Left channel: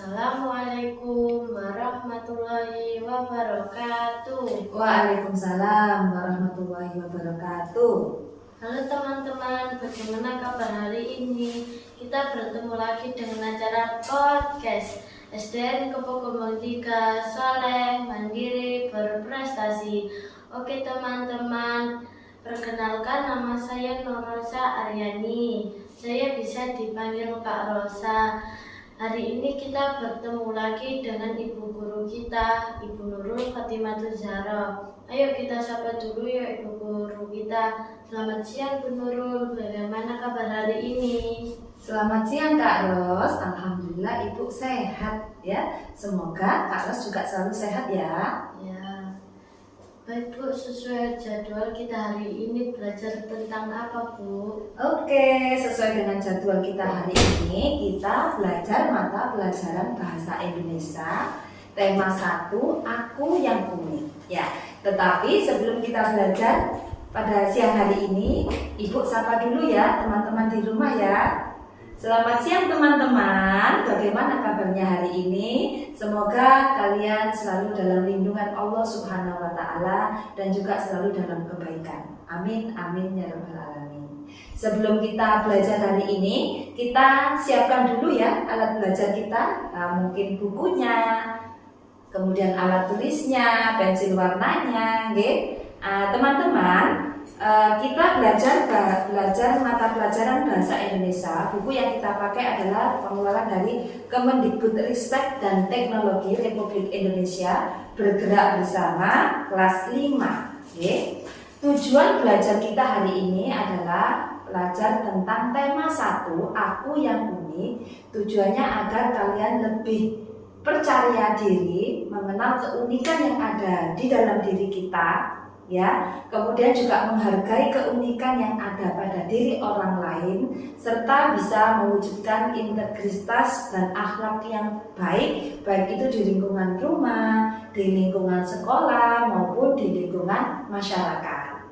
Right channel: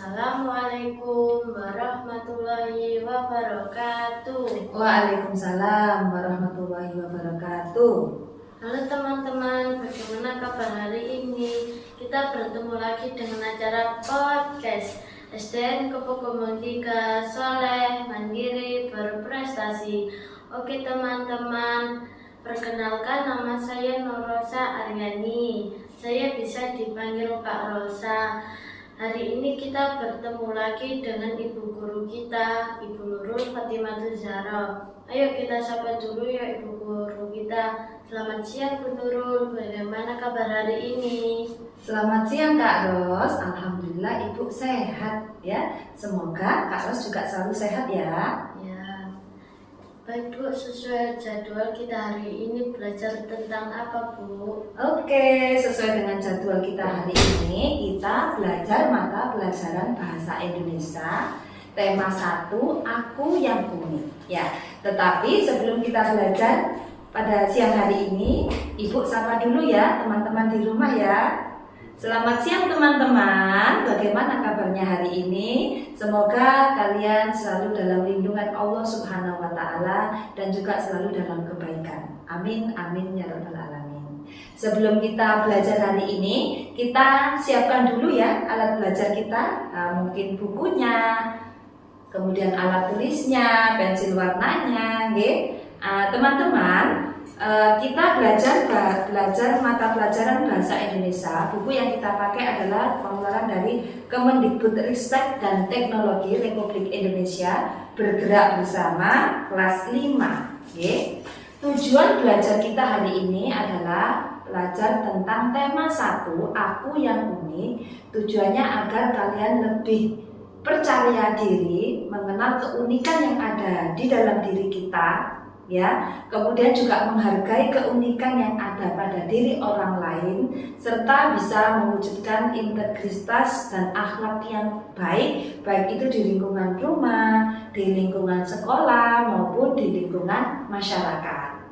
Assalamualaikum warahmatullahi wabarakatuh. Waalaikumsalam warahmatullahi wabarakatuh. Halo teman-teman, bagaimana kabar hari ini? Kita bertemu lagi dengan acara podcast SDN Kepogomong 3, Soleh, Mandiri, Berprestasi. Oke teman-teman, perkenalkan nama saya Nur Rosa Aryani. Saya bisa dipanggil Kak Rosa. Hari ini kita bertemu lagi dengan ibu guru kita, Ibu Nurul Fatimah Zahra. Ayo kita sapa dulu ya ibu guru kita. Selamat siang Bu Nurul, bagaimana kabar hari ini? Selamat siang Kak Ros. Alhamdulillah Ibu sehat ya. Semoga Kak Ros juga selalu sehat ya. Ya, baik Bu, sesuai jadwal kita hari ini belajar tentang apa Bu? Oke, sesuai dengan jadwal kita hari ini, kita belajar mata pelajaran Bahasa Indonesia tema 1, Aku yang Unik ya. Tetapi sebelum kita belajar pada siang hari ini, Ibu sapa dulu ya teman-teman di rumah ya. Selamat siang teman-teman, bagaimana kabarnya hari ini? Semoga kalian selalu dalam lindungan Allah Subhanahu wa Ta'ala dan juga selalu dalam kebaikan. Amin, amin ya rabbal alamin. Sebelum kita belajar hari ini, kita siapkan dulu ya alat belajar kita, mungkin bukunya, kemudian alat tulisnya, pensil warnanya, teman-teman. Kita belajar mata pelajaran Bahasa Indonesia. Buku yang kita pakai adalah pengeluaran dari Kemendikbudristek dan Teknologi Republik Indonesia Bergerak Bersama kelas 5. Tujuan belajar kita hari ini adalah belajar tentang tema 1, Aku yang Unik. Tujuannya agar kalian lebih percaya diri, mengenal keunikan yang ada di dalam diri kita ya, kemudian juga menghargai keunikan yang ada pada diri orang lain, serta bisa mewujudkan integritas dan akhlak yang baik, baik itu di lingkungan rumah, di lingkungan sekolah, maupun di lingkungan masyarakat.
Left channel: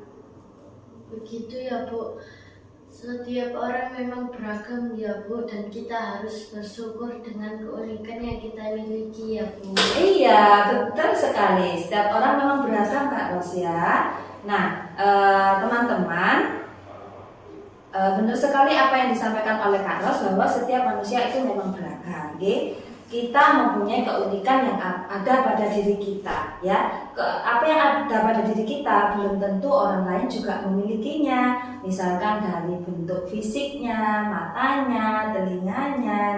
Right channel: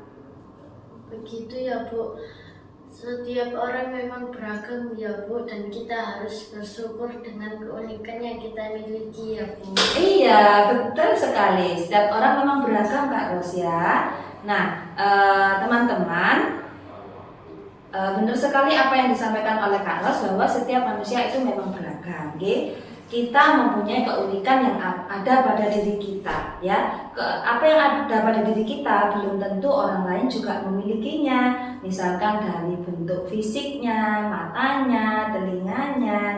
Begitu ya Bu. Setiap orang memang beragam ya Bu, dan kita harus bersyukur dengan keunikan yang kita miliki ya Bu. Iya, betul sekali. Setiap orang memang beragam Kak Ros ya. Nah, teman-teman, benar sekali apa yang disampaikan oleh Kak Ros bahwa setiap manusia itu memang beragam. Kita mempunyai keunikan yang ada pada diri kita ya. Apa yang ada pada diri kita belum tentu orang lain juga memilikinya. Misalkan dari bentuk fisiknya, matanya, telinganya,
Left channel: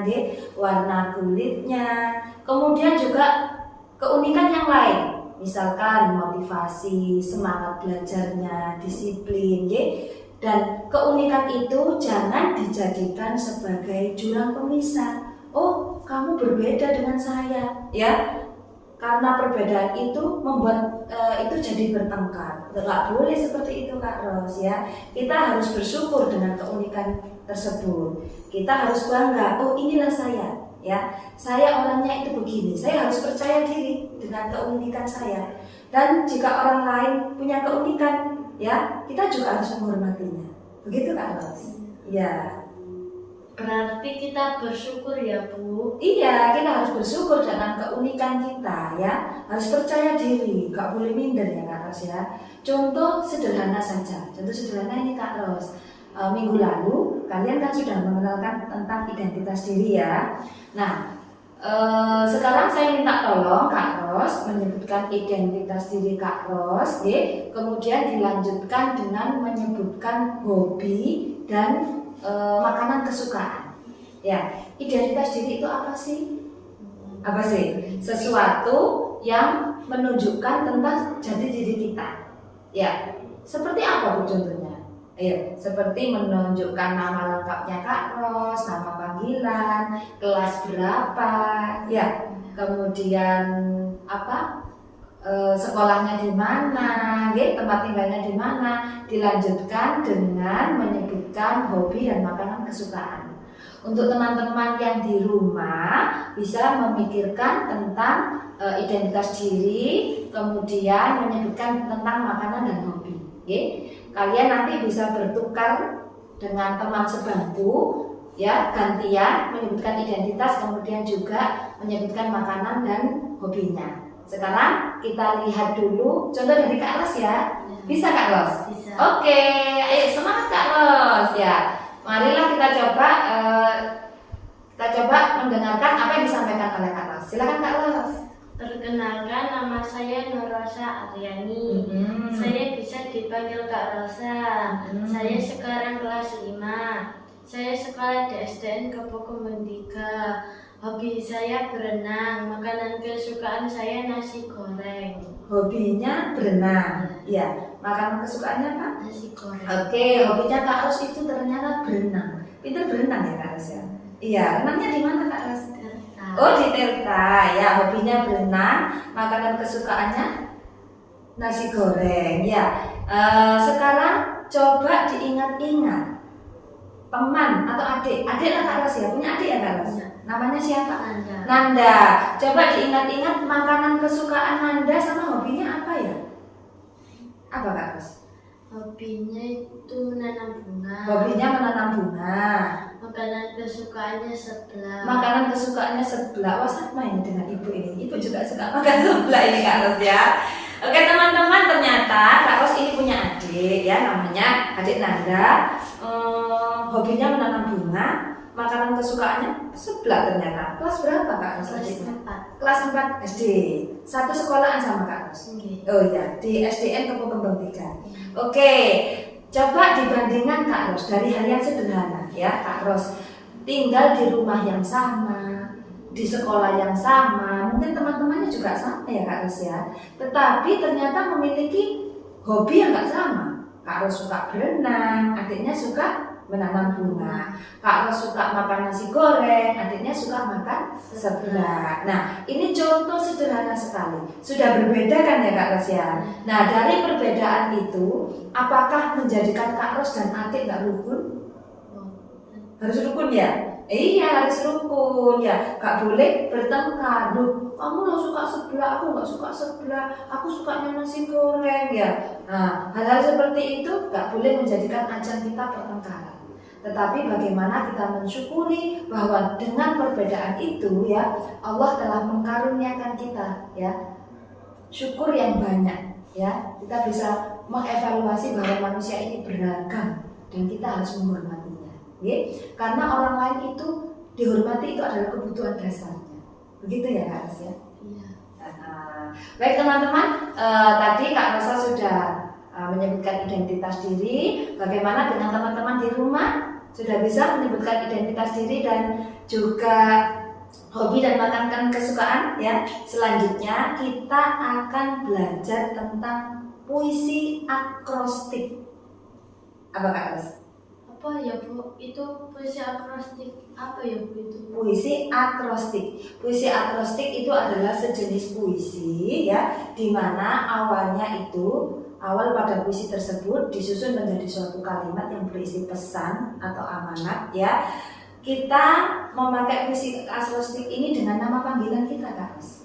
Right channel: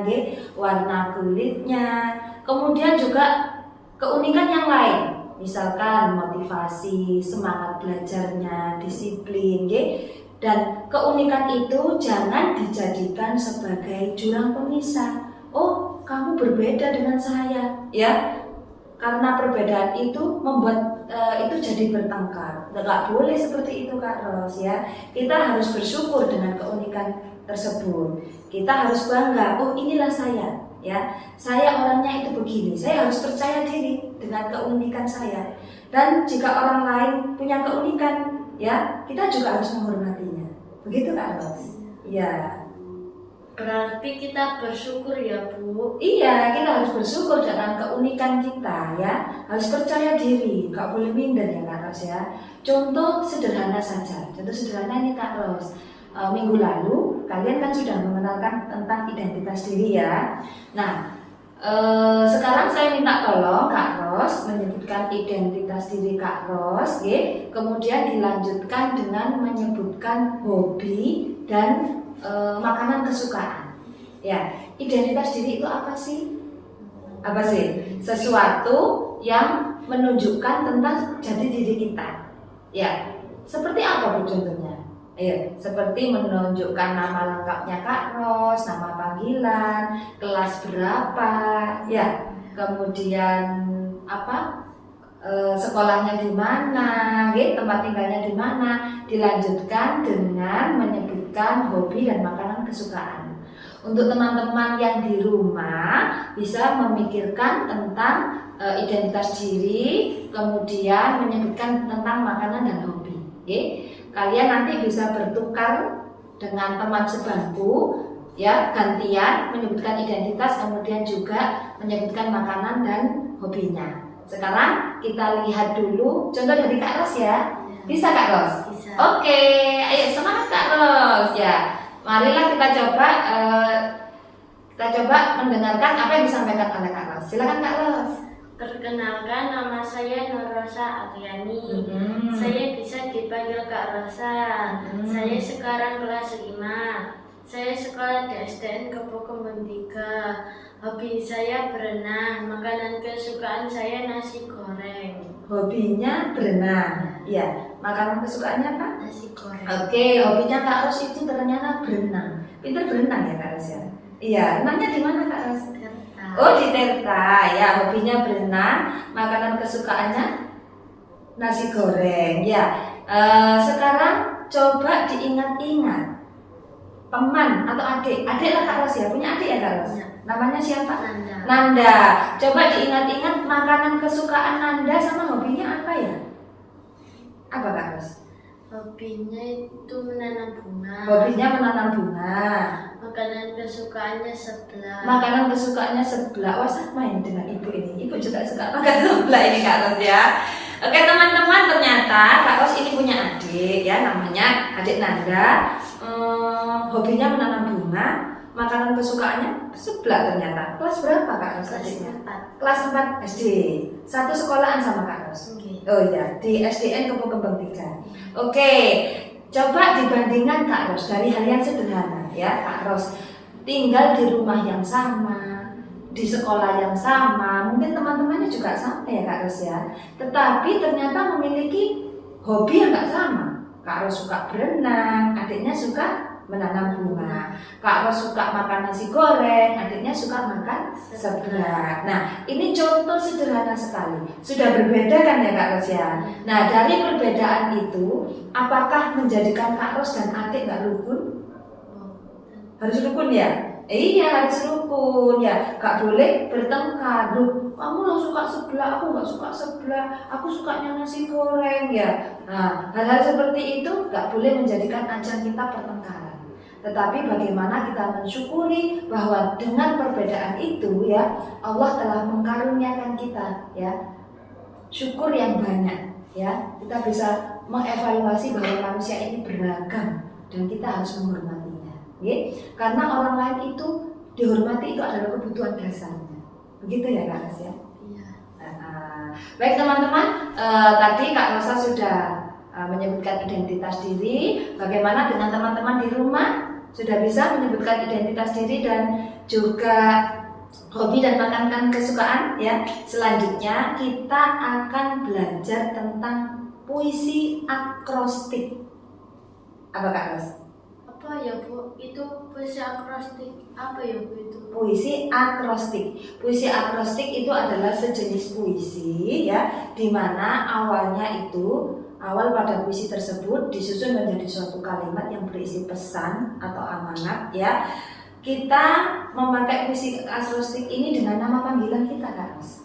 warna kulitnya, kemudian juga keunikan yang lain. Misalkan motivasi, semangat belajarnya, disiplin, dan keunikan itu jangan dijadikan sebagai jurang pemisah. Oh, kamu berbeda dengan saya, ya. Karena perbedaan itu membuat itu jadi bertengkar. Nggak boleh seperti itu Kak Ros ya. Kita harus bersyukur dengan keunikan tersebut. Kita harus bangga. Oh, inilah saya, ya. Saya orangnya itu begini. Saya harus percaya diri dengan keunikan saya. Dan jika orang lain punya keunikan, ya, kita juga harus menghormatinya. Begitu Kak Ros? Ya. Berarti kita bersyukur ya Bu. Iya, kita harus bersyukur dengan keunikan kita ya. Harus percaya diri, gak boleh minder ya Kak Ros ya. Contoh sederhana saja. Contoh sederhana ini Kak Ros. Minggu lalu kalian kan sudah mengenalkan tentang identitas diri ya. Nah, sekarang saya minta tolong Kak Ros menyebutkan identitas diri Kak Ros, kemudian dilanjutkan dengan menyebutkan hobi dan makanan kesukaan. Ya, identitas diri itu apa sih? Apa sih? Sesuatu yang menunjukkan tentang jati diri kita. Ya, seperti apa Bu contohnya? Ayo, seperti menunjukkan nama lengkapnya Kak Ros, nama panggilan, kelas berapa, ya, kemudian apa? Sekolahnya di mana, tempat tinggalnya di mana, dilanjutkan dengan menyebutkan hobi dan makanan kesukaan. Untuk teman-teman yang di rumah bisa memikirkan tentang identitas diri, kemudian menyebutkan tentang makanan dan hobi. Kalian nanti bisa bertukar dengan teman sebangku ya, gantian menyebutkan identitas, kemudian juga menyebutkan makanan dan hobinya. Sekarang kita lihat dulu contoh dari Kak Ros ya. Bisa Kak Ros? Bisa. Oke, ayo semangat Kak Ros ya. Marilah kita coba mendengarkan apa yang disampaikan oleh Kak Ros. Silakan Kak Ros. Perkenalkan, nama saya Nur Rosa Aryani. Saya bisa dipanggil Kak Rosa. Saya sekarang kelas 5. Saya sekolah di SDN Kepo Kembang 3. Hobi saya berenang. Makanan kesukaan saya nasi goreng. Hobinya berenang. Ya, makanan kesukaannya apa? Nasi goreng. Oke, hobinya Kak Ros itu ternyata berenang. Pintar berenang ya Kak Ros ya? Iya, renangnya di mana Kak Ros? Tirta. Oh, di Tirta. Ya, hobinya berenang. Makanan kesukaannya nasi goreng. Ya, sekarang coba diingat-ingat. Teman atau adik lah Kak Ros ya? Punya adik ya Kak Ros? Ya. Namanya siapa? Nanda. Nanda. Coba diingat-ingat makanan kesukaan Nanda sama hobinya apa ya? Apa Kak Ros? Hobinya itu menanam bunga. Hobinya menanam bunga. Makanan kesukaannya sebelah. Makanan kesukaannya sebelah. Wah, sama ini dengan ibu ini. Ibu juga suka makan sebelah ini Kak Ros ya. Oke teman-teman, ternyata Kak Ros ini punya adik ya, namanya adik Nanda. Hobinya menanam bunga. Makanan kesukaannya sebelah ternyata. Kelas berapa Kak Ros Kelas adiknya? 4. Kelas 4 SD. Satu sekolahan sama Kak Ros. Oh iya, di SDN Kepo Kembang 3. Oke, coba dibandingkan Kak Ros dari hal yang sederhana ya Kak Ros. Tinggal di rumah yang sama, di sekolah yang sama, mungkin teman-temannya juga sama ya Kak Ros ya. Tetapi ternyata memiliki hobi yang gak sama. Kak Ros suka berenang, adiknya suka menanam bunga. Kak Ros suka makan nasi goreng, adiknya suka makan seblak. Nah, ini contoh sederhana sekali. Sudah berbeda kan ya Kak Ros ya? Nah, dari perbedaan itu, apakah menjadikan Kak Ros dan adik gak rukun? Harus rukun ya? Iya, harus rukun ya. Gak boleh bertengkar. Loh, kamu lo suka seblak, aku gak suka seblak. Aku sukanya nasi goreng ya. Nah, hal-hal seperti itu gak boleh menjadikan ajang kita pertengkaran. Tetapi bagaimana kita mensyukuri bahwa dengan perbedaan itu ya Allah telah mengkaruniakan kita ya syukur yang banyak ya, kita bisa mengevaluasi bahwa manusia ini beragam dan kita harus menghormatinya ya? Karena orang lain itu dihormati itu adalah kebutuhan dasarnya, begitu ya Kak Ros ya? Iya. Baik teman-teman, tadi Kak Rosa sudah menyebutkan identitas diri. Bagaimana dengan teman-teman di rumah? Sudah bisa menyebutkan identitas diri dan juga hobi dan makanan kesukaan ya. Selanjutnya kita akan belajar tentang puisi akrostik. Apa Kak Ros? Apa ya Bu? Itu puisi akrostik. Apa ya Bu itu? Puisi akrostik. Puisi akrostik itu adalah sejenis puisi ya, di mana awal pada puisi tersebut disusun menjadi suatu kalimat yang berisi pesan atau amanat ya. Kita memakai puisi akrostik ini dengan nama panggilan kita Kak Ros.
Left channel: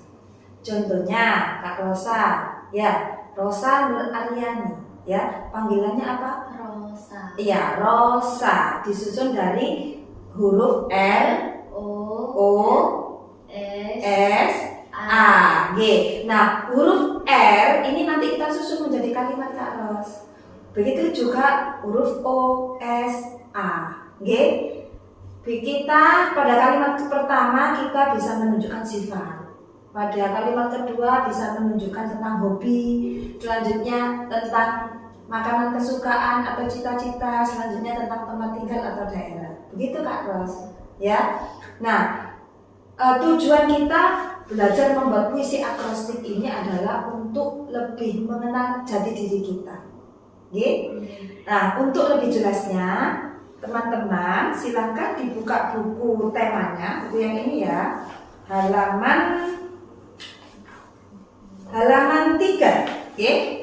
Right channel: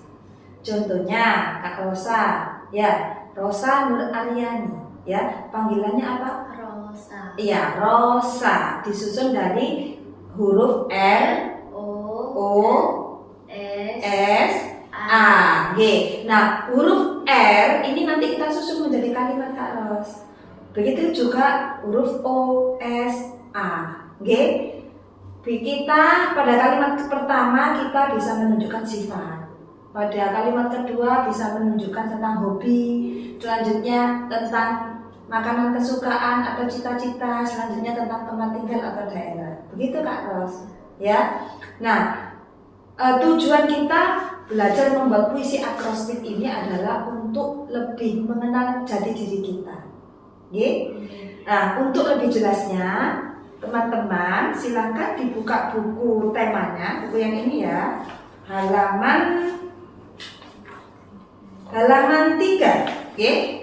Contohnya Kak Rosa ya, Rosa Nur Aryani ya. Panggilannya apa? Rosa. Iya, Rosa. Disusun dari huruf R, O, S, A, G. Nah, huruf R ini nanti kita susun menjadi kalimat Kak Ros. Begitu juga huruf O, S, A, G. Kita pada kalimat pertama kita bisa menunjukkan sifat. Pada kalimat kedua bisa menunjukkan tentang hobi. Selanjutnya tentang makanan kesukaan atau cita-cita. Selanjutnya tentang tempat tinggal atau daerah. Begitu Kak Ros. Ya. Nah, tujuan kita belajar membuat puisi akrostik ini adalah untuk lebih mengenal jati diri kita. Nah, untuk lebih jelasnya, teman-teman silahkan dibuka buku temanya, buku yang ini ya, halaman 3.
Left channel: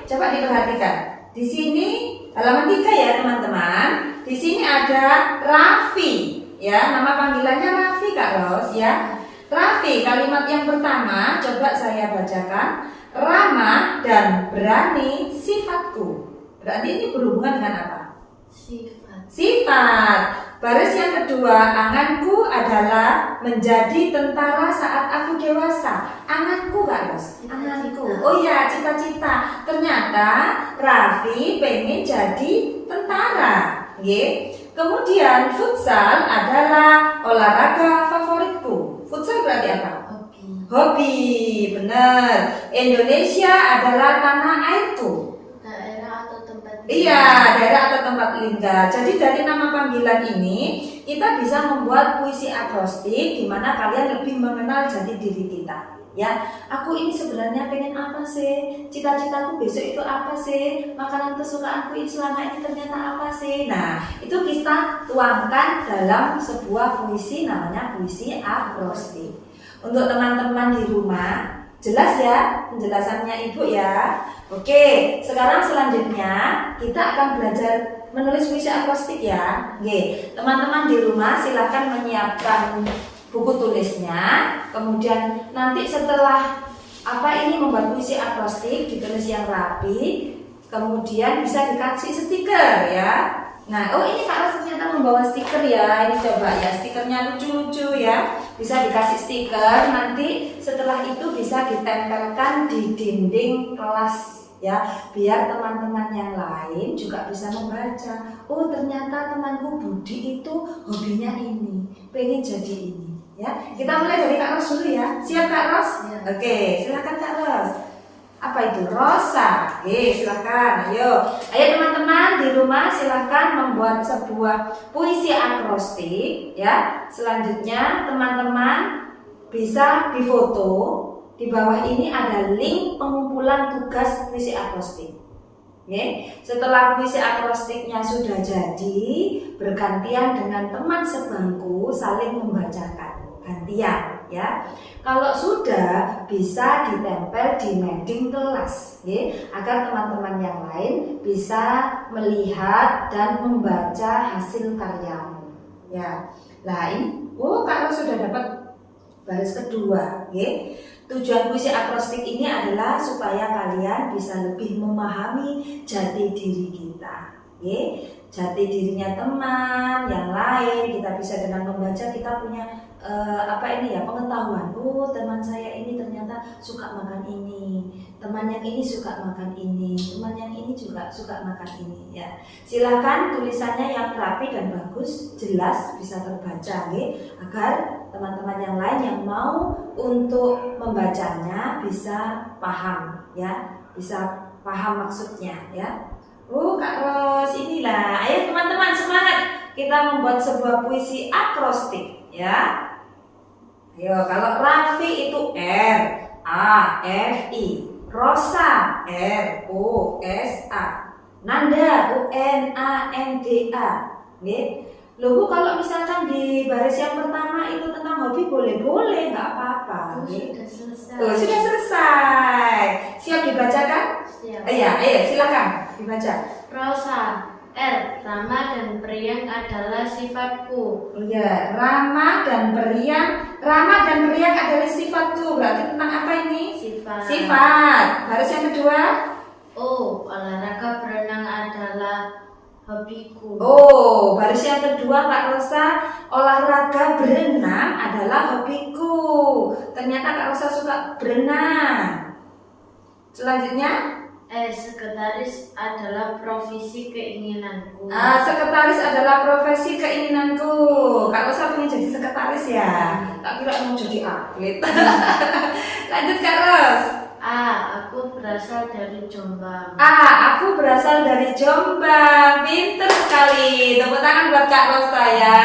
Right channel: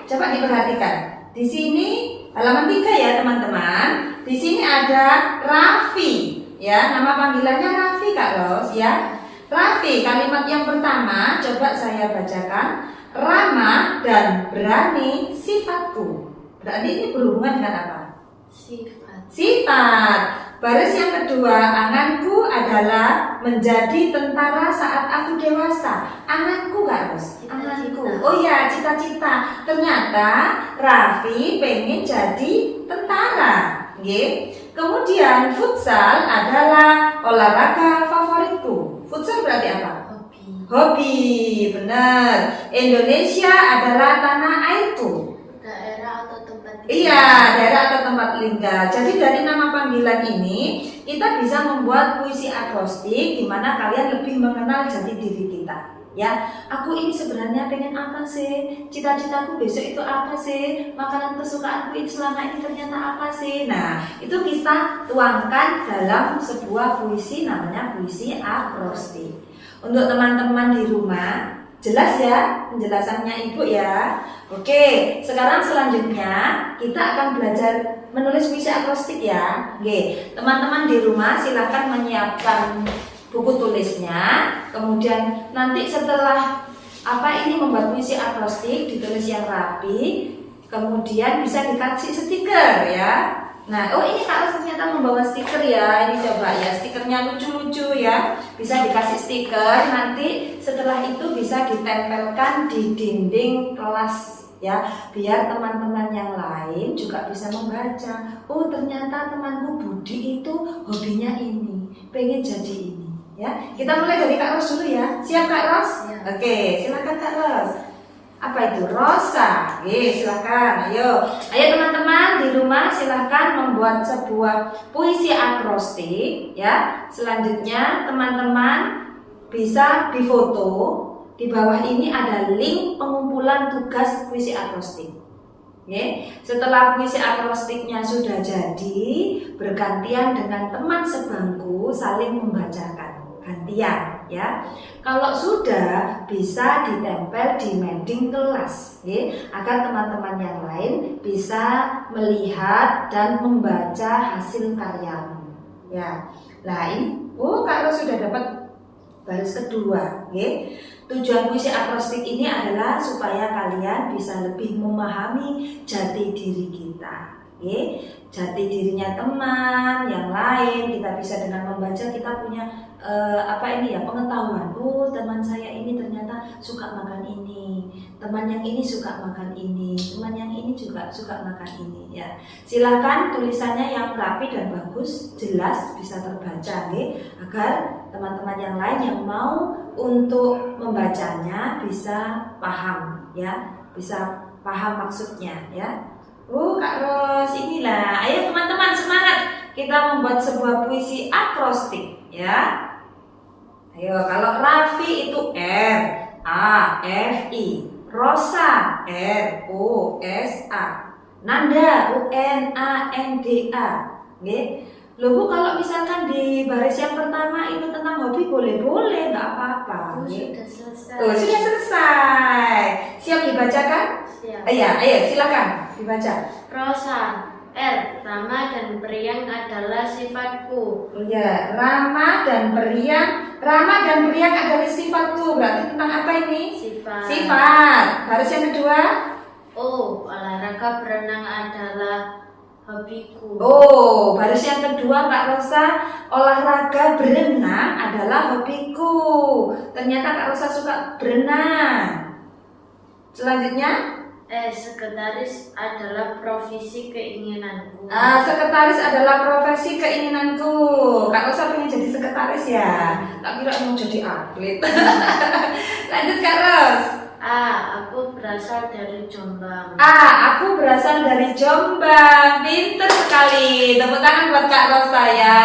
Coba diperhatikan. Di sini halaman 3 ya teman-teman. Di sini ada Raffi, ya, nama panggilannya Raffi Kak Ros ya. Raffi, kalimat yang pertama coba saya bacakan. Ramah dan berani sifatku. Berarti ini berhubungan dengan apa? Sifat. Sifat. Baris yang kedua, anganku adalah menjadi tentara saat aku dewasa. Anganku Kak Ros? Cita-cita. Anganku. Oh iya, cita-cita. Ternyata Raffi pengen jadi tentara. Nggih. Kemudian futsal adalah olahraga favoritku. Futsal berarti apa? Hobi. Hobi, benar. Indonesia adalah tanah airku. Daerah atau tempat Iya, daerah atau tempat tinggal. Jadi dari nama panggilan ini kita bisa membuat puisi akrostik di mana kalian lebih mengenal jati diri kita. Ya, aku ini sebenarnya pengen apa sih? Cita-citaku besok itu apa sih? Makanan kesukaanku ini selama ini ternyata apa sih? Nah, itu kita tuangkan dalam sebuah puisi namanya puisi akrostik. Untuk teman-teman di rumah, jelas ya penjelasannya Ibu ya. Oke, sekarang selanjutnya kita akan belajar menulis puisi akrostik ya. Oke, teman-teman di rumah silakan menyiapkan buku tulisnya. Kemudian nanti setelah ini membuat puisi akrostik ditulis yang rapi, kemudian bisa dikasih stiker ya. Nah, ini Kak Ros ternyata membawa stiker ya. Ini coba ya, stikernya lucu-lucu ya. Bisa dikasih stiker, nanti setelah itu bisa ditempelkan di dinding kelas ya, biar teman-teman yang lain juga bisa membaca. Oh, ternyata temanku Budi itu hobinya ini, pengen jadi ini ya. Kita mulai dari Kak Ros dulu ya. Siap Kak Ros? Ya. Oke, silakan Kak Ros. Apa itu? Rosa. Silakan. Ayo teman-teman di rumah silakan membuat sebuah puisi akrostik ya. Selanjutnya teman-teman bisa difoto. Di bawah ini ada link pengumpulan tugas puisi akrostik. Setelah puisi akrostiknya sudah jadi, bergantian dengan teman sebangku saling membacakan, gantian ya. Kalau sudah bisa ditempel di mending kelas, agar teman-teman yang lain bisa melihat dan membaca hasil karyamu ya. Nah ini, Kak Ros sudah dapat baris kedua. Tujuan puisi akrostik ini adalah supaya kalian bisa lebih memahami jati diri kita. Jati dirinya teman yang lain, kita bisa dengan membaca kita punya pengetahuan. Oh, teman saya ini ternyata suka makan ini, teman yang ini suka makan ini, teman yang ini juga suka makan ini ya. Silakan tulisannya yang rapi dan bagus, jelas, bisa terbaca agar teman-teman yang lain yang mau untuk membacanya bisa paham ya, bisa paham maksudnya ya. Kak Ros, inilah. Ayo teman-teman semangat, kita membuat sebuah puisi akrostik ya. Ayo, kalau Raffi itu R-A-F-I, Rosa R-O-S-A, Nanda U-N-A-N-D-A. Loh Bu, kalau misalkan di baris yang pertama itu tentang hobi boleh-boleh, nggak apa-apa. Sudah selesai. Sudah selesai. Siap dibacakan? Siap. Ayo silakan dibaca. Rosa, R. Ramah dan periang adalah sifatku. Iya, ramah dan periang adalah sifatku. Berarti tentang apa ini? Sifat. Baris yang kedua. O. Olahraga berenang adalah hobiku. Oh, baris yang kedua Kak Rosa, olahraga berenang adalah hobiku. Ternyata Kak Rosa suka berenang. Selanjutnya, Sekretaris adalah profesi keinginanku. Sekretaris adalah profesi keinginanku. Kak Rosa pengen jadi sekretaris ya? Tak kira mau jadi atlet. Lanjut Kak Ros. Aku berasal dari Jombang. Aku berasal dari Jombang. Pinter sekali. Tepuk tangan buat Kak Rosa ya.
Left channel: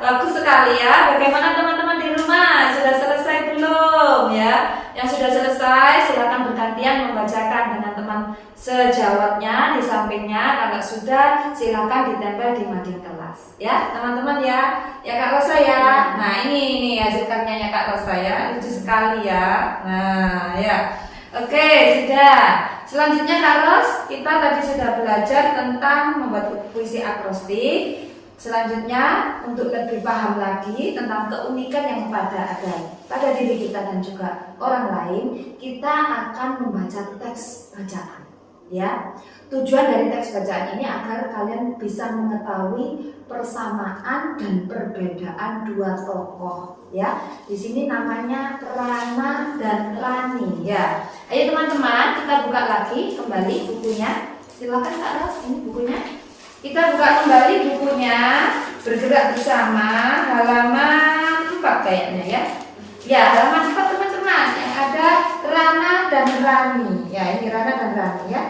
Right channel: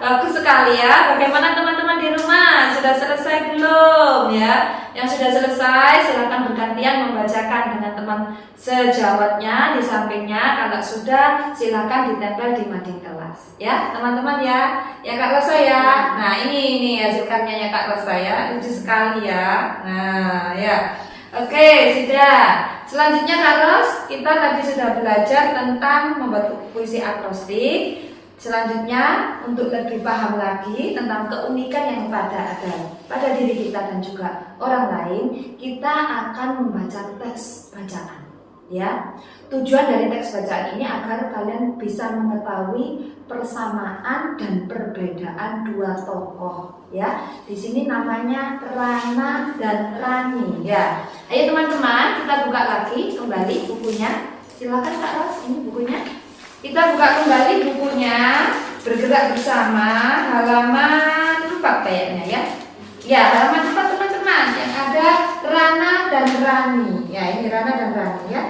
Bagus sekali ya. Bagaimana teman-teman di rumah? Sudah selesai belum ya? Yang sudah selesai silakan bergantian membacakan dengan teman sejawatnya di sampingnya. Kalau sudah silakan ditempel di mading kelas ya teman-teman ya. Ya Kak Rosa ya. Nah ini hasil karyanya Kak Rosa ya. Lucu sekali ya. Nah ya. Oke, sudah. Selanjutnya Kak Ros, kita tadi sudah belajar tentang membuat puisi akrostik. Selanjutnya untuk lebih paham lagi tentang keunikan yang ada pada diri kita dan juga orang lain, kita akan membaca teks bacaan. ya. Tujuan dari teks bacaan ini agar kalian bisa mengetahui persamaan dan perbedaan dua tokoh, ya. Di sini namanya Rana dan Rani, ya. Ayo teman-teman, kita buka lagi kembali bukunya. Silakan Kak Ros, ini bukunya. Kita buka kembali bukunya, bergerak bersama halaman 4 kayaknya, ya. Ya, halaman 4 teman-teman, yang ada Rana dan Rani. Ya, ini Rana dan Rani, ya.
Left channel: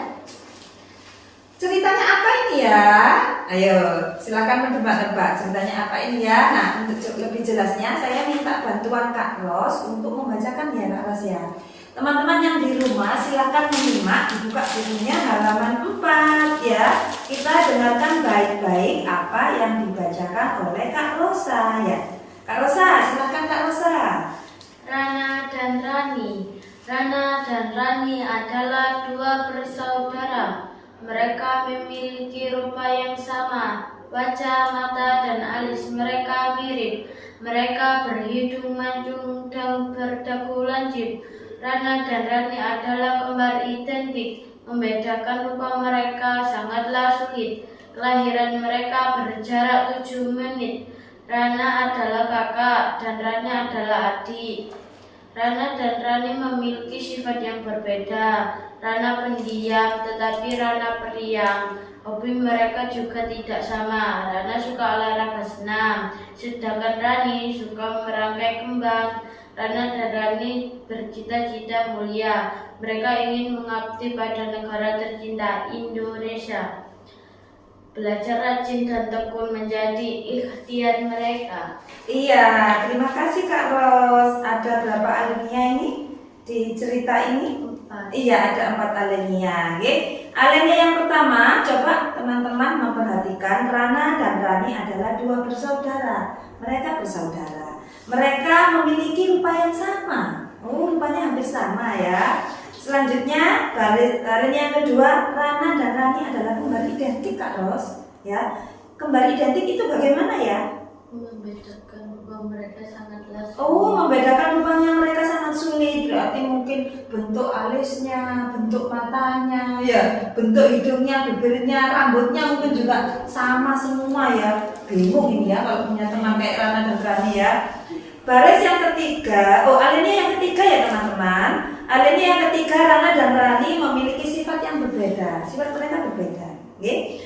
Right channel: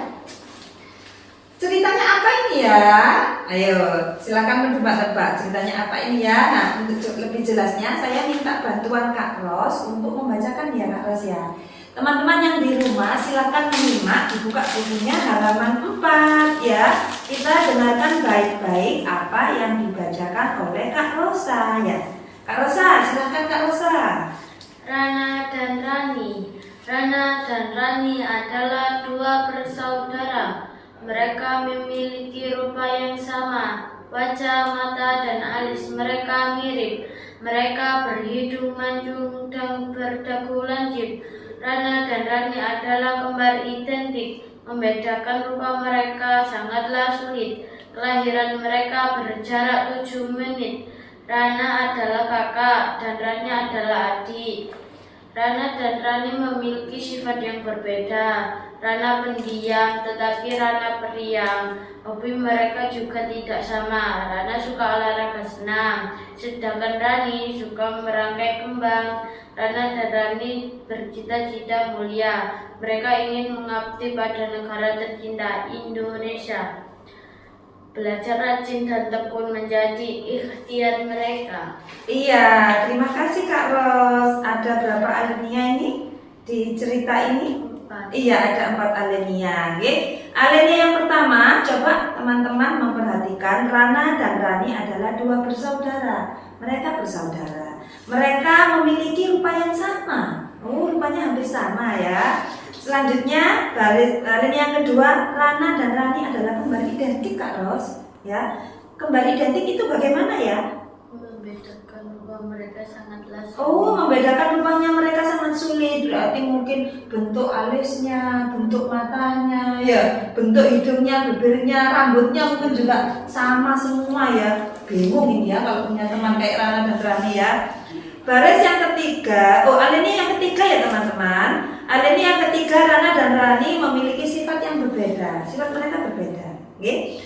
Ceritanya apa ini ya? Ayo, silakan menebak-nebak ceritanya apa ini ya. Nah, untuk lebih jelasnya saya minta bantuan Kak Ros untuk membacakan ya Kak Ros ya. Teman-teman yang di rumah silakan menyimak, dibuka bukunya halaman 4 ya. Kita dengarkan baik-baik apa yang dibacakan oleh Kak Rosa ya. Kak Rosa, silakan Kak Rosa. Rana dan Rani. Rana dan Rani adalah dua bersaudara. Mereka memiliki rupa yang sama. Wajah, mata, dan alis mereka mirip. Mereka berhidung mancung dan berdagu lancip. Rana dan Rani adalah kembar identik. Membedakan rupa mereka sangatlah sulit. Kelahiran mereka berjarak 7 menit. Rana adalah kakak dan Rani adalah adik. Rana dan Rani memiliki sifat yang berbeda. Rana pendiam, tetapi Rana periang. Hobi mereka juga tidak sama. Rana suka olahraga senam, sedangkan Rani suka merangkai kembang. Rana dan Rani bercita-cita mulia. Mereka ingin mengabdi pada negara tercinta Indonesia. Belajar rajin dan tekun menjadi ikhtiar mereka. Iya, terima kasih Kak Ros. Ada berapa alinea ini di cerita ini? 4. Iya, ada 4 alinea. Alinea yang pertama, coba teman-teman memperhatikan Rana dan Rani adalah dua bersaudara. Mereka bersaudara. Mereka memiliki rupa yang sama. Rupanya hampir sama ya. Selanjutnya, alinea yang kedua, Rana dan Rani adalah kembar identik Kak Ros. Ya, kembar identik itu bagaimana ya? Membedakan rupa mereka sangatlah sulit. Membedakan rupanya mereka sangat sulit. Berarti mungkin bentuk alisnya, bentuk matanya, ya, bentuk hidungnya, bibirnya, rambutnya mungkin juga sama semua ya. Bingung ini ya kalau punya teman kayak Rana dan Rani ya. Baris yang ketiga, alinea yang ketiga ya teman-teman. Alinea yang ketiga, Rana dan Rani memiliki sifat yang berbeda. Sifat mereka berbeda. Oke.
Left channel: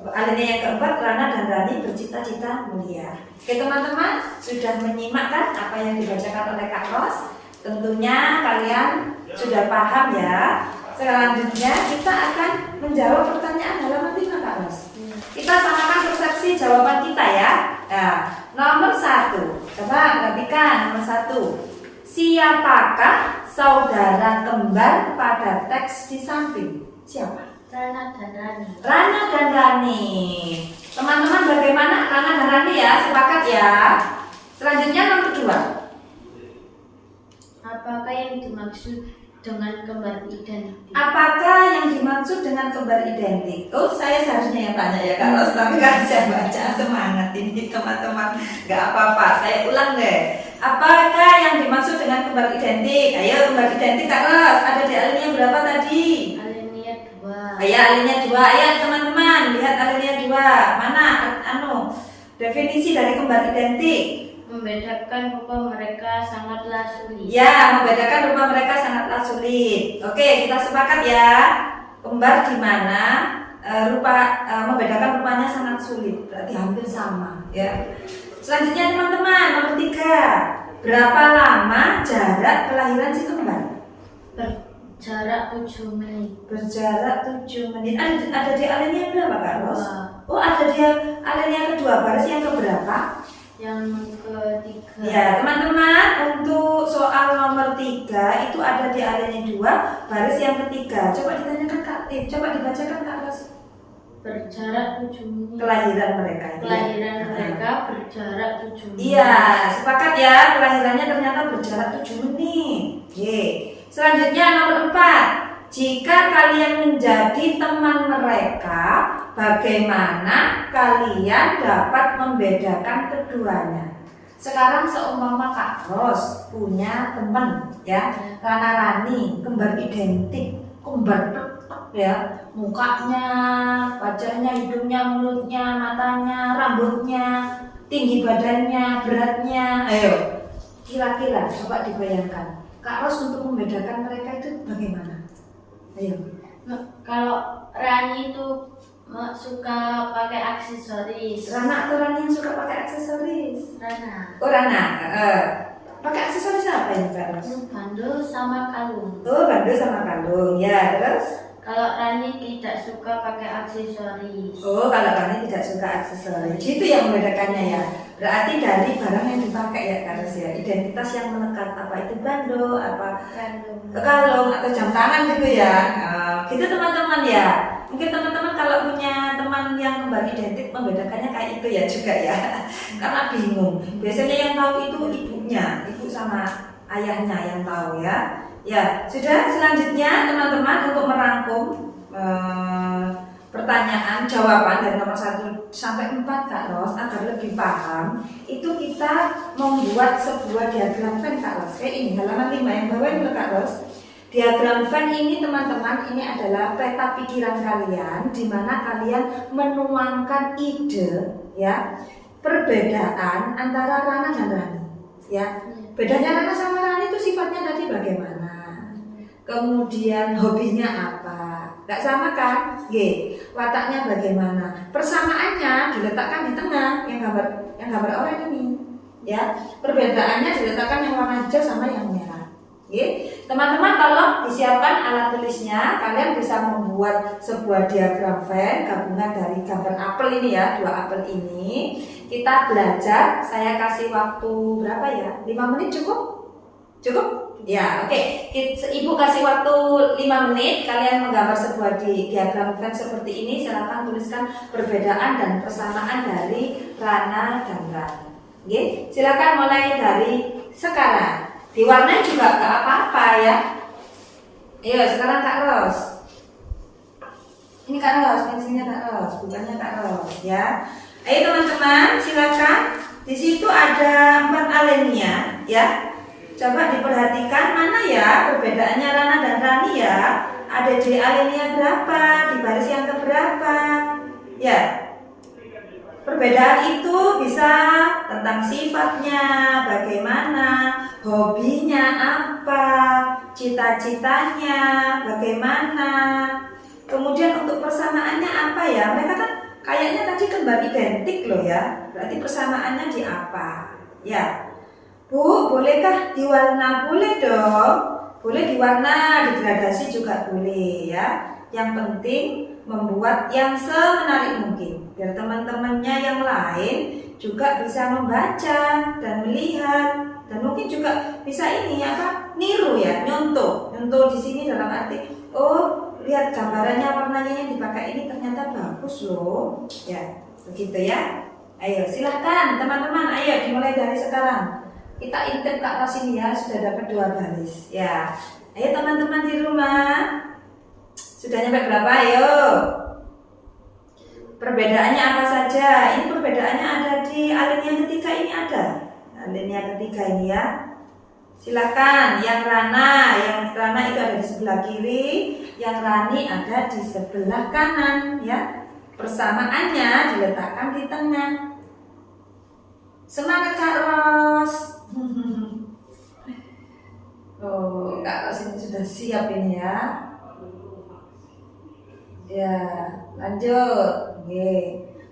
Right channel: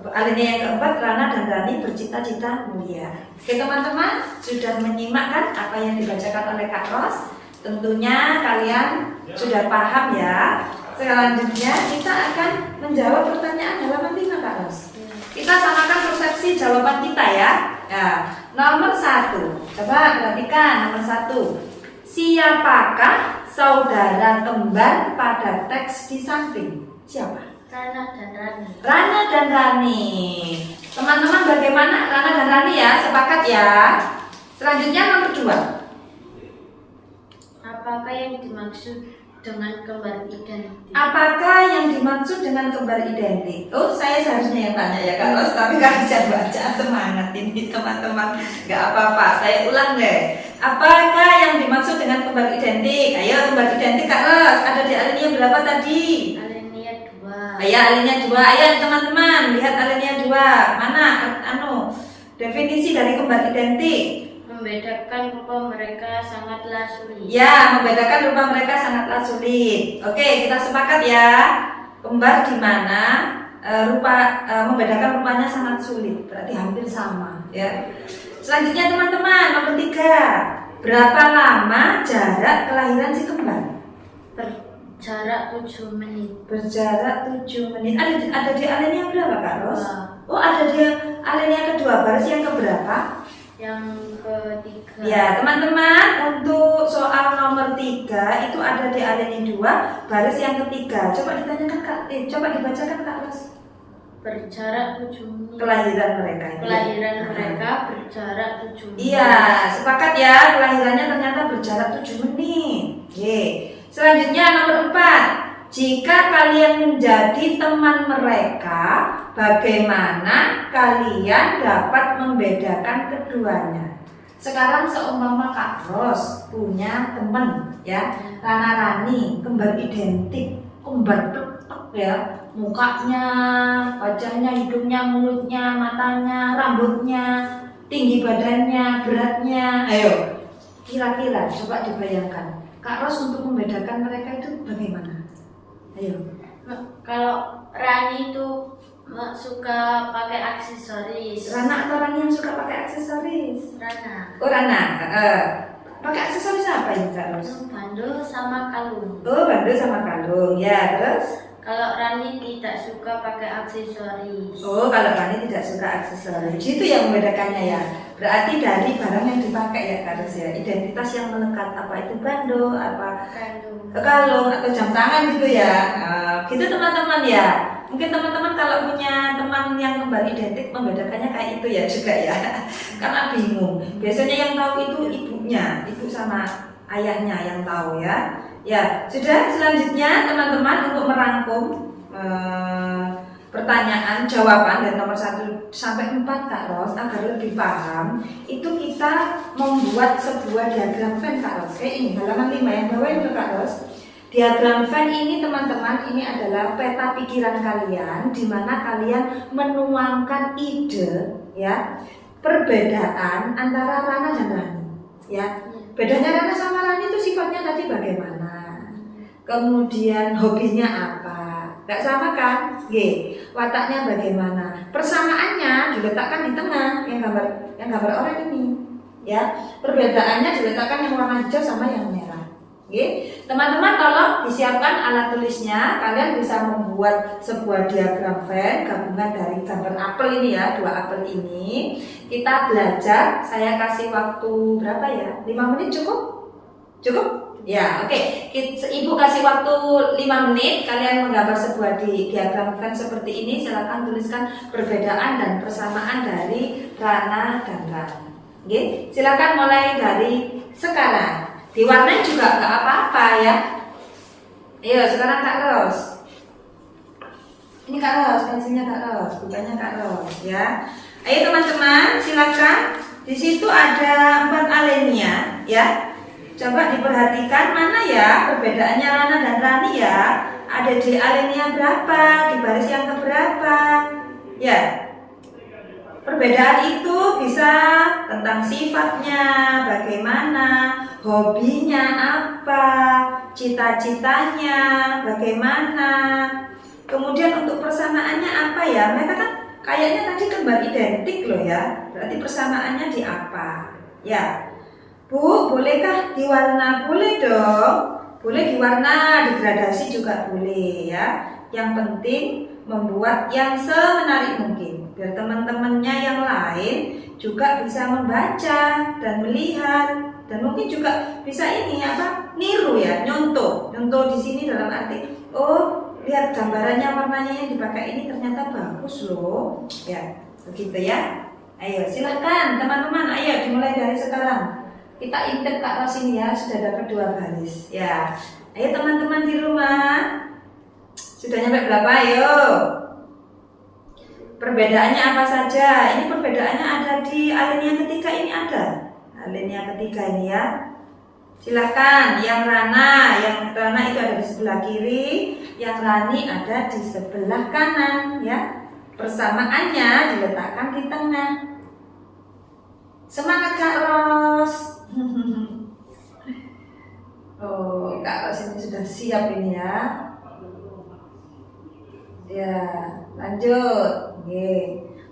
Alinea yang keempat, Rana dan Rani bercita-cita mulia. Oke teman-teman, sudah menyimak kan apa yang dibacakan oleh Kak Ros? Tentunya kalian sudah paham ya. Selanjutnya kita akan menjawab pertanyaan halaman 5 Kak Ros. Kita samakan persepsi jawaban kita ya. Nomor 1, coba perhatikan nomor 1. Siapakah saudara kembar pada teks di samping? Siapa? Rana dan Rani. Rana dan Rani. Teman-teman bagaimana Rana dan Rani ya? Sepakat ya? Selanjutnya nomor 2. Apakah yang dimaksud dengan kembar identik? Apakah yang dimaksud dengan kembar identik? Saya seharusnya yang tanya ya Kak Ros, tapi kan saya baca semangat ini teman-teman. Gak apa-apa, saya ulang deh. Apakah yang dimaksud dengan kembar identik? Ayo kembar identik Kak Ros, ada di alinea berapa tadi? Alinea 2. Ayo alinea 2, ayo teman-teman lihat alinea 2. Mana definisi dari kembar identik? Membedakan rupa mereka sangatlah sulit. Ya, membedakan rupa mereka sangatlah sulit. Oke, kita sepakat ya. Kembar di mana membedakan rupanya sangat sulit, berarti hampir sama ya. Selanjutnya teman-teman, nomor 3. Berapa lama jarak kelahiran si kembar? Berjarak 7 menit. Berjarak 7 menit. Ada di alinea berapa Kak Ros? Dua. Ada di alinea kedua. Baris yang keberapa? Yang ketiga. Ya teman-teman, untuk soal nomor 3 itu ada di alinea 2, baris yang ketiga. Coba ditanyakan coba dibacakan Kak Ros. Berjarak 7 menit. Kelahiran mereka. Kelahiran mereka berjarak 7 menit. Iya, sepakat ya. Kelahirannya ternyata berjarak 7 menit. Oke. Selanjutnya nomor 4. Jika kalian menjadi teman mereka, bagaimana kalian dapat membedakan keduanya? Sekarang seumpama Kak Ros punya teman ya, Rana Rani, kembar identik, kembar ya, mukanya, wajahnya, hidungnya, mulutnya, matanya, rambutnya, tinggi badannya, beratnya. Ayo, kira-kira coba dibayangkan. Kak Ros untuk membedakan mereka itu bagaimana? Ayo. Kalau Rani itu suka pakai aksesoris. Rana atau Rani yang suka pakai aksesoris? Rana. Oh Rana. Pakai aksesoris apa ini Kak Ros? Bandu sama kalung. Oh bandu sama kalung. Ya terus? Kalau Rani tidak suka pakai aksesoris. Oh kalau Rani tidak suka aksesoris. Itu yang membedakannya ya. Berarti dari barang yang dipakai ya Kak Ros ya. Identitas yang melekat, apa itu bandu, apa kalung atau jam tangan gitu ya. Gitu teman-teman ya. Mungkin teman-teman kalau punya teman yang kembar identik membedakannya kayak itu ya juga ya. Karena bingung. Biasanya yang tahu itu ibunya, ibu sama ayahnya yang tahu ya. Ya, sudah selanjutnya teman-teman untuk merangkum pertanyaan jawaban dari nomor 1 sampai 4 Kak Ros agar lebih paham, itu kita membuat sebuah diagram Venn Kak Ros. Kayak ini halaman 5 yang bawah itu Kak Ros. Diagram Venn ini teman-teman ini adalah peta pikiran kalian di mana kalian menuangkan ide ya, perbedaan antara Rana dan Rani ya. Bedanya Rana sama Rani itu sifatnya tadi bagaimana? Kemudian hobinya apa? Gak sama kan? Wataknya bagaimana? Persamaannya diletakkan di tengah yang gambar oranye ini ya. Perbedaannya diletakkan yang warna hijau sama yang merah. Teman-teman tolong disiapkan alat tulisnya. Kalian bisa membuat sebuah diagram Venn gabungan dari gambar apel ini ya, 2 apel ini. Kita belajar, saya kasih waktu berapa ya? 5 menit cukup? Cukup? Ya, oke. Ibu kasih waktu 5 menit. Kalian menggambar sebuah diagram Venn seperti ini. Silakan tuliskan perbedaan dan persamaan dari Rana dan Rani. Silakan mulai dari sekarang. Diwarnai juga gak apa-apa ya. Ayo sekarang Kak Ros. Ini Kak Ros, pensilnya Kak Ros, bukannya Kak Ros ya. Ayo teman-teman, silakan. Di situ ada 4 alinea ya. Coba diperhatikan mana ya perbedaannya Rana dan Rani ya. Ada di alinea berapa, di baris yang keberapa ya. Perbedaan itu bisa tentang sifatnya, bagaimana, hobinya apa, cita-citanya bagaimana. Kemudian untuk persamaannya apa ya? Mereka kan kayaknya tadi kembar identik loh ya. Berarti persamaannya di apa? Ya. Bu, bolehkah diwarna? Boleh dong. Boleh diwarna, digradasi juga boleh ya. Yang penting membuat yang semenarik mungkin biar teman-temannya yang lain juga bisa membaca dan melihat dan mungkin juga bisa ini apa? Niru ya, nyontoh. Nyontoh di sini dalam arti oh, lihat gambarannya warnanya yang dipakai ini ternyata bagus loh. Ya, begitu ya. Ayo silahkan teman-teman, ayo dimulai dari sekarang. Kita intip Kak Ros ini ya, sudah dapat 2 baris ya. Ayo teman-teman di rumah, sudah nyampe berapa? Ayo. Perbedaannya apa saja? Ini perbedaannya ada di alinea ketiga ini ada. Alinea ketiga ini ya. Silahkan, yang Rana itu ada di sebelah kiri, yang Rani ada di sebelah kanan ya. Persamaannya diletakkan di tengah. Semangat Kak Ros. Oh, Kak Ros ini sudah siap ini ya. Ya, lanjut.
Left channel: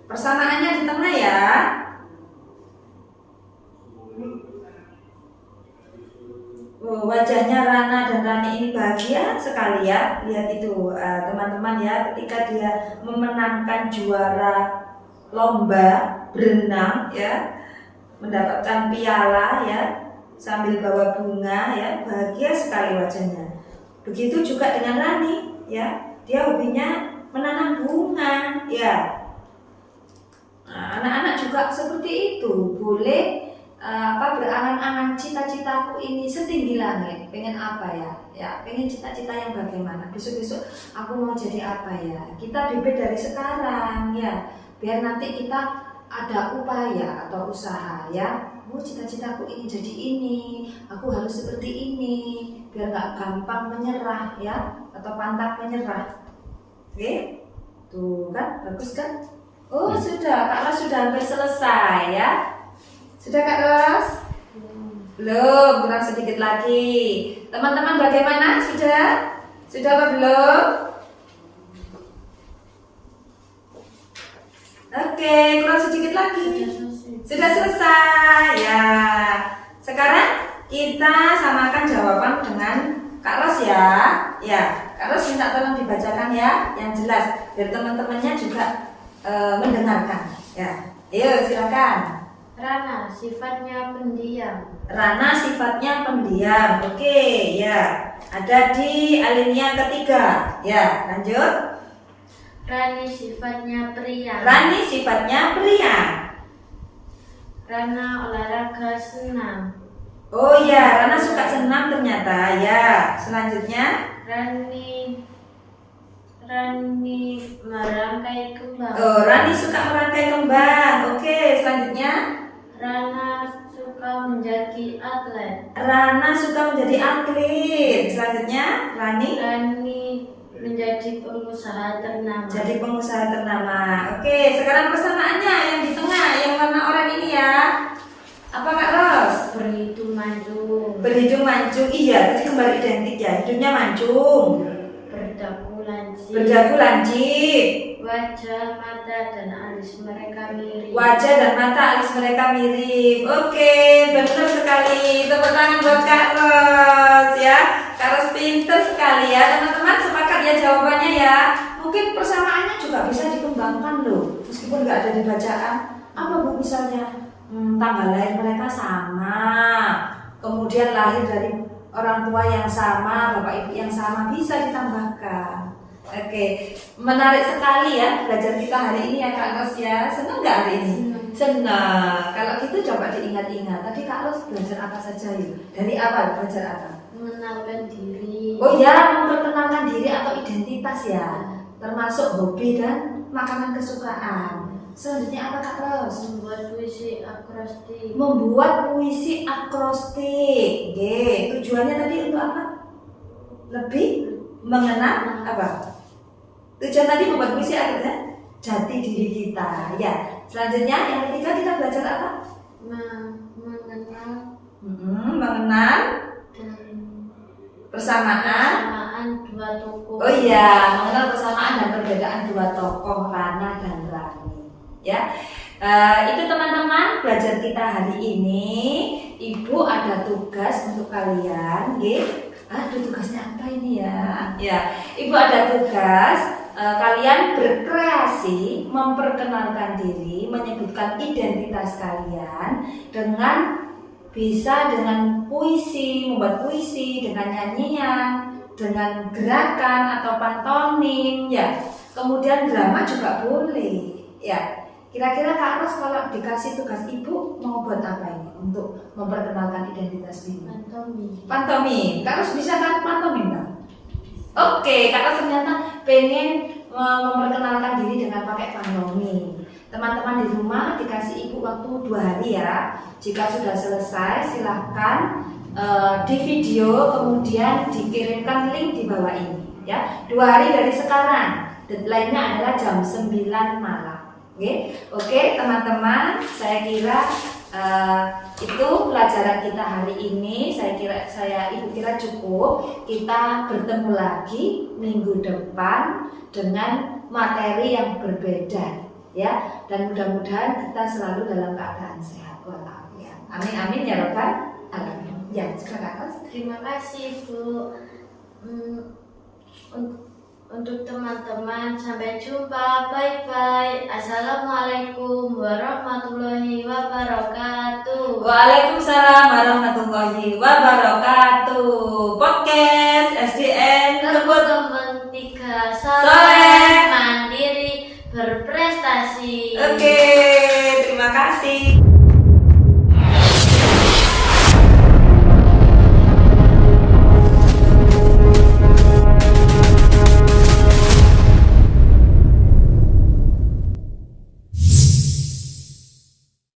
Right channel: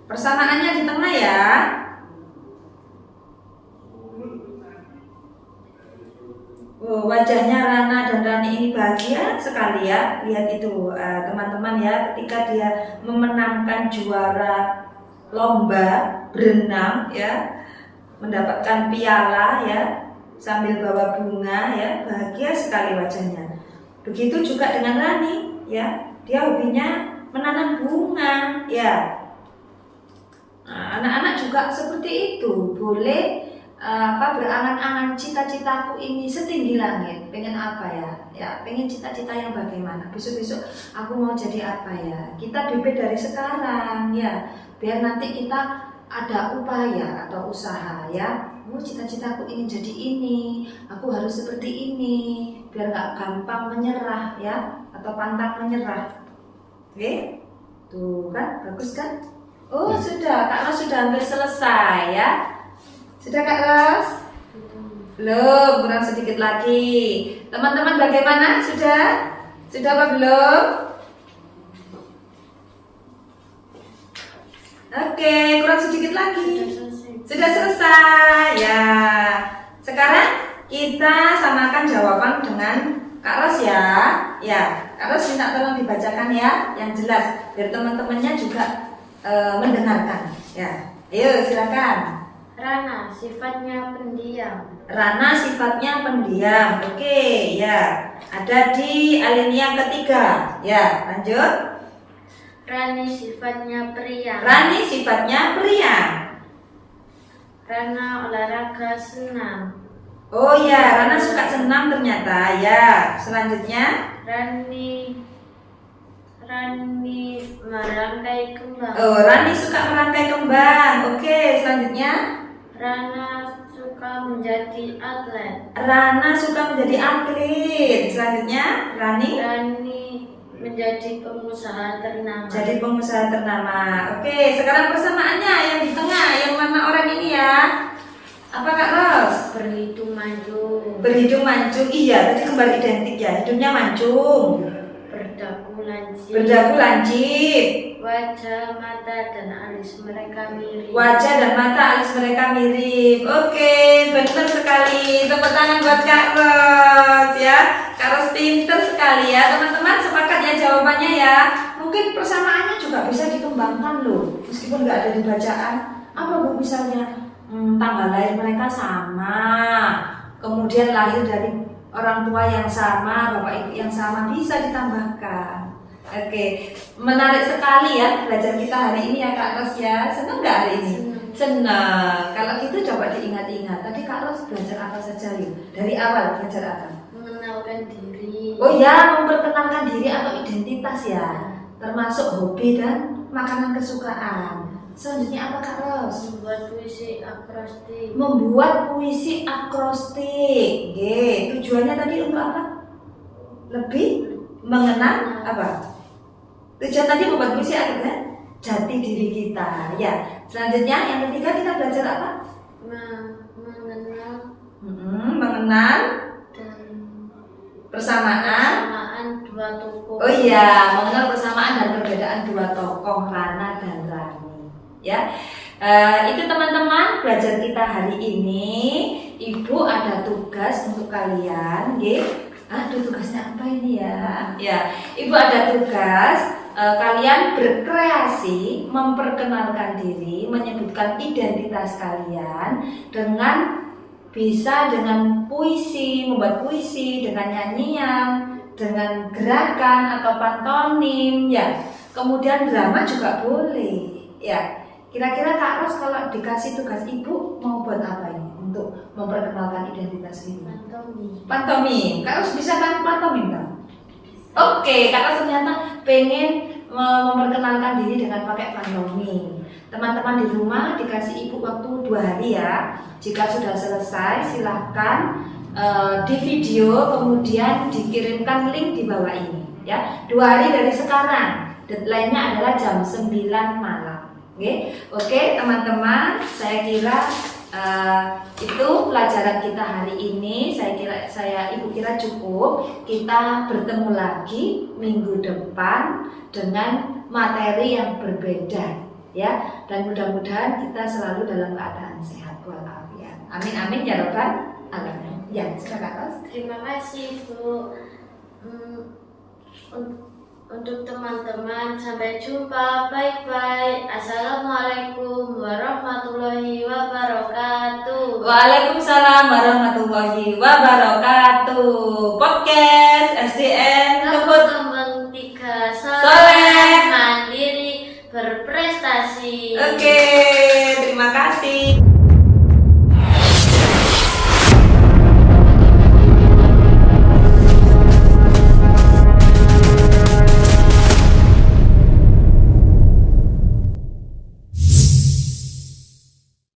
Persamaannya di tengah ya. Wajahnya Rana dan Rani ini bahagia sekali ya. Lihat itu teman-teman ya, ketika dia memenangkan juara lomba berenang ya, mendapatkan piala ya, sambil bawa bunga ya, bahagia sekali wajahnya. Begitu juga dengan Rani ya, dia hobinya menanam bunga ya. Anak-anak juga seperti itu, boleh berangan-angan cita-citaku ini setinggi langit. Pengen apa ya? Ya, pengen cita-cita yang bagaimana? Besok-besok aku mau jadi apa ya? Kita bibit dari sekarang ya, biar nanti kita ada upaya atau usaha ya. Cita-citaku ini jadi ini, aku harus seperti ini, biar nggak gampang menyerah ya, atau pantang menyerah. Oke, tuh kan bagus kan? Oh sudah, Kak Ros sudah hampir selesai ya. Sudah Kak Ros? Belum, kurang sedikit lagi. Teman-teman bagaimana? Sudah? Sudah apa belum? Oke, kurang sedikit lagi. Sudah selesai ya. Sekarang kita samakan jawaban dengan Kak Ros ya. Ya, Kak Ros minta tolong dibacakan ya, yang jelas biar teman-temannya juga mendengarkan. Ya, ayo silakan. Rana sifatnya pendiam. Rana sifatnya pendiam. Oke, ya. Ada di alinea ketiga. Ya, lanjut. Rani sifatnya periang. Rani sifatnya periang. Rana olahraga senam. Oh ya, Rana suka senam ternyata. Ya, selanjutnya. Rani merangkai kembang. Oh, Rani suka merangkai kembang. Oke, selanjutnya. Rana suka menjadi atlet. Rana suka menjadi atlet. Selanjutnya, Rani menjadi pengusaha ternama. jadi pengusaha ternama. Oke, sekarang persamaannya yang di tengah, yang warna oranye ini ya. Apa Kak Ros? Berhidung mancung. Berhidung mancung. Iya, tadi kembali identik ya. Hidungnya mancung. Berdagu lancip. Berdagu lancip. Wajah, mata, dan alis mereka mirip. Wajah dan mata alis mereka mirip. Oke, benar sekali. Tepuk tangan buat Kak Ros ya. Kak Ros pinter sekali ya. Teman-teman sepakat ya jawabannya ya. Mungkin persamaannya juga bisa dikembangkan loh. Meskipun nggak ada di bacaan. Apa Bu misalnya? Tanggal lahir mereka sama. Kemudian lahir dari orang tua yang sama, bapak ibu yang sama, bisa ditambahkan. Oke, menarik sekali ya belajar kita hari ini ya Kak Ros ya. Senang nggak hari ini? Senang. Kalau gitu coba diingat-ingat. Tadi Kak Ros belajar apa saja yuk? Dari awal belajar apa? Mengenalkan diri. Oh ya, memperkenalkan diri atau identitas ya. Termasuk hobi dan makanan kesukaan. Selanjutnya apa Kak Ros? Membuat puisi akrostik. Membuat puisi akrostik. Oke, tujuannya tadi untuk apa? Lebih mengenal apa? Tujuan tadi membuat puisi akhirnya jati diri kita. Ya. Selanjutnya yang ketiga kita belajar apa? Mengenal mengenal dan persamaan dua tokoh. Oh iya, mengenal persamaan dan perbedaan dua tokoh Rana dan Rani. Ya. Itu teman-teman belajar kita hari ini. Ibu ada tugas untuk kalian, nggih. Aduh, tugasnya apa ini ya? Ya, Ibu ada tugas. Kalian berkreasi, memperkenalkan diri, menyebutkan identitas kalian dengan bisa dengan puisi, membuat puisi, dengan nyanyian, dengan gerakan atau pantomim, ya. Kemudian drama juga boleh, ya. Kira-kira Kak Ros kalau dikasih tugas Ibu mau buat apa ini untuk memperkenalkan identitas ini? Pantomim. Pantomim. Kak Ros bisa kan pantomim kan? Oke, Kak Ros ternyata pengen memperkenalkan diri dengan pakai pantomim. Teman-teman di rumah dikasih Ibu waktu 2 hari ya. Jika sudah selesai silahkan di video kemudian dikirimkan link di bawah ini ya. 2 hari dari sekarang. Deadline-nya adalah jam 9 malam. Oke, teman-teman, saya kira itu pelajaran kita hari ini. Ibu kira cukup. Kita bertemu lagi minggu depan dengan materi yang berbeda ya, dan mudah-mudahan kita selalu dalam keadaan sehat walafiat. Amin amin ya robbal alamin. Ya, silakan. Terima kasih Bu. Untuk teman-teman, sampai jumpa. Bye-bye. Assalamualaikum warahmatullahi wabarakatuh. Waalaikumsalam warahmatullahi wabarakatuh. Podcast SDN Teman-teman 3 Soleh mandiri berprestasi. Oke.